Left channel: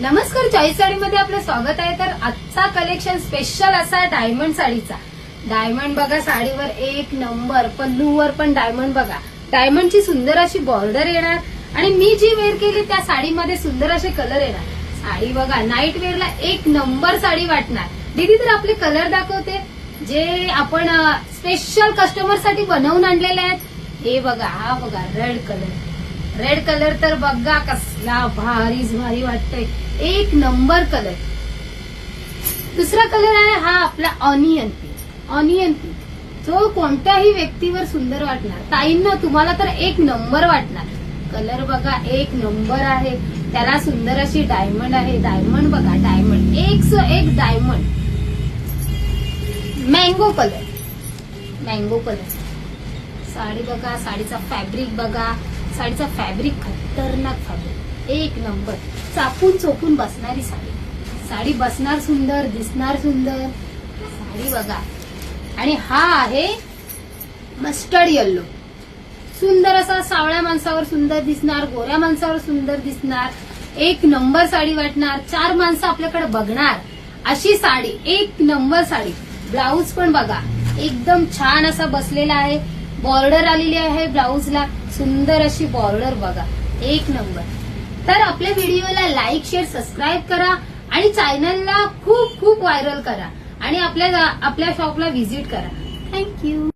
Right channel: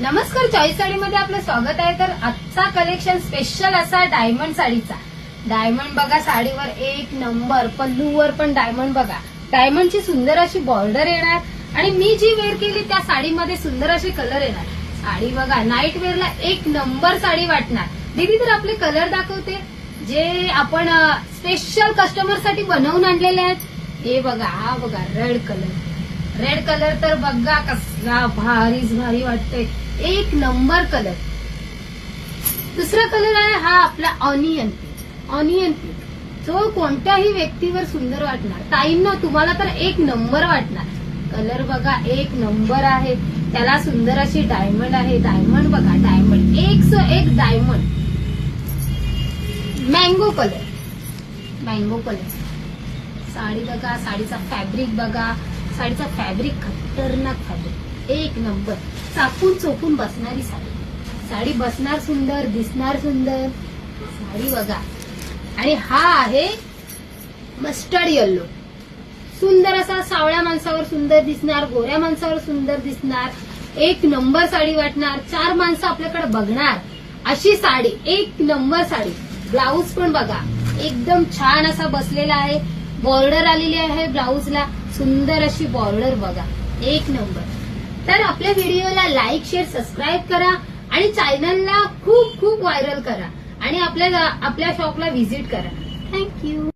नमस्कार, चॉईस साडीमध्ये आपलं स्वागत आहे. तर आजचा कलेक्शन स्पेशल असा डायमंड साडीचा. डायमंड बघा साडीवर एक नंबर, पल्लूवर पण डायमंड बघा. डायमंडची सुंदर अशी बॉर्डर येणार आणि मी जी वेअर केली त्या साडीमध्ये सुंदर असे कलर येणार. साडी बघा नाईट वेअरला एक नंबर साडी वाटणार. दीदी तर आपले कलर दाखवते जे आपण स्पेशल कस्टमरसाठी बनवून आणलेले आहेत. हे बघा, हा बघा रेड कलर. रेड कलर तर बघा कसला भारीच भारी वाटते, एक नंबर कलर. दुसरा कलर आहे हा आपला ऑनियन पिंक. ऑनियन पिंक जो कोणत्याही व्यक्तीवर सुंदर वाटणार. ताईंना तुम्हाला तर एक नंबर वाटणार. कलर बघा एक नंबर आहे, त्याला सुंदर अशी डायमंड आहे. डायमंड बघा, डायमंड एक diamond. Mango colour, mango colour. Sari बघा, साडीचा फॅब्रिक बघा. साडीचा फॅब्रिक खतरनाक फॅब्रिक, एक नंबर. चापून चोपून बसणारी साडी. साडी बसणार सुंदर, दिसणार सुंदर. साडी बघा. आणि हा आहे मस्टर्ड येल्लो. सुंदर असा सावळ्या माणसावर सुंदर दिसणार, गोऱ्या माणसावर सुंदर दिसणार. एक नंबर साडी वाटणार. 4 माणसं आपल्याकडे बघणार अशी साडी, एक नंबर साडी. ब्लाऊज पण बघा एकदम छान असा बसलेला आहे. बॉर्डर आलेली आहे ब्लाऊजला, सुंदर अशी बॉर्डर बघा, एक नंबर. तर आपल्या व्हिडिओला लाईक, शेअर, सबस्क्राईब करा आणि चॅनलला खूप खूप व्हायरल करा आणि आपल्या शॉपला व्हिजिट करा. थँक्यू.